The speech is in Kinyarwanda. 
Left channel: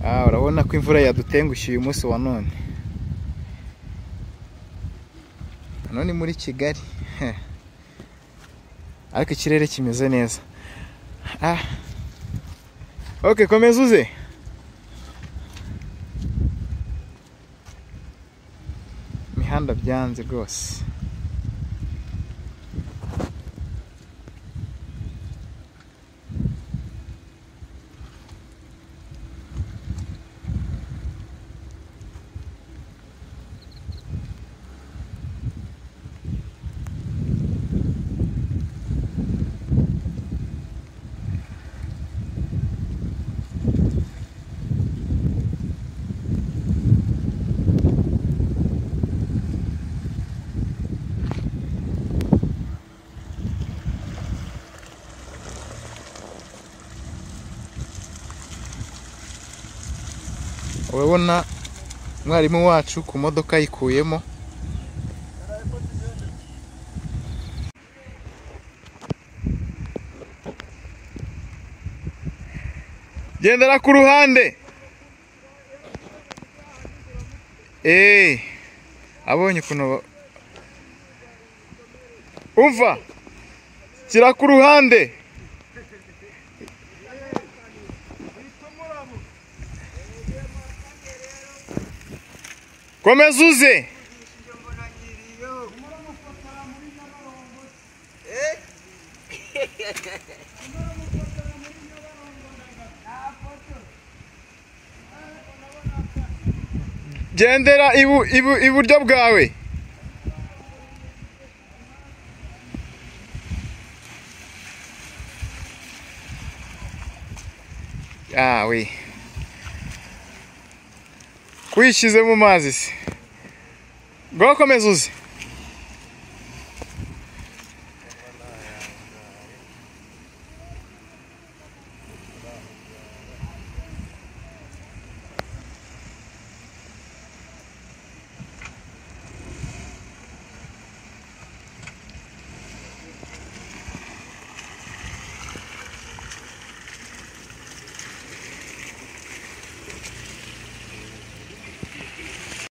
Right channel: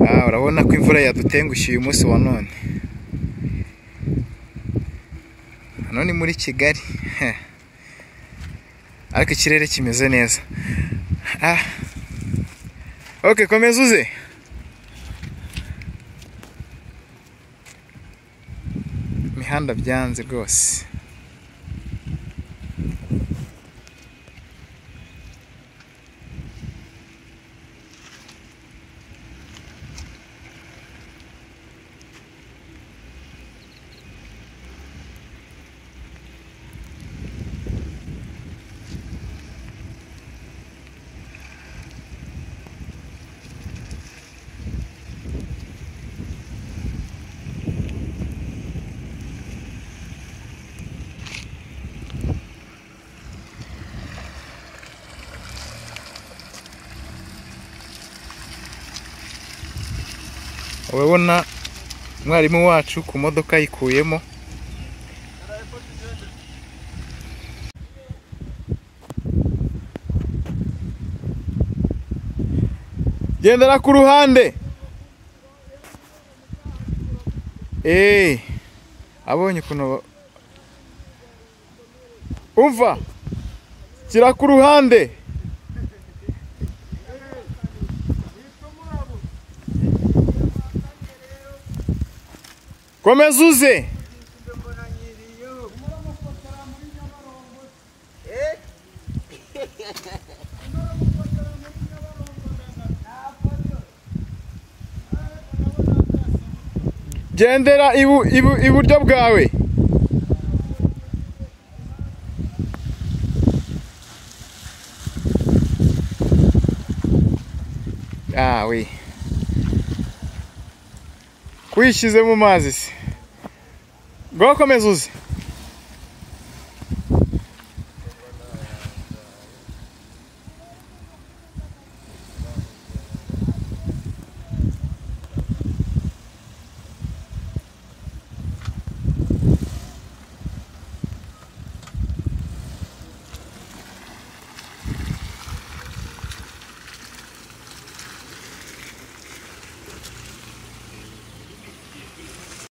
urabona ko imvura yadutengushiye uyu munsi wa none. Hano ni muri Kigali. Ariko ikirere kimeze neza. Okay, komeza uze. Imihanda byanze rwose. Urabona mwarimu wacu ku modoka yikuyemo. Gendera ku ruhande. Abonye ukuntu umva. Kira ku ruhande. Komeza uze. Gendera iburyo bwawe. We kwishize mu mazi se. Ngo komeza uze.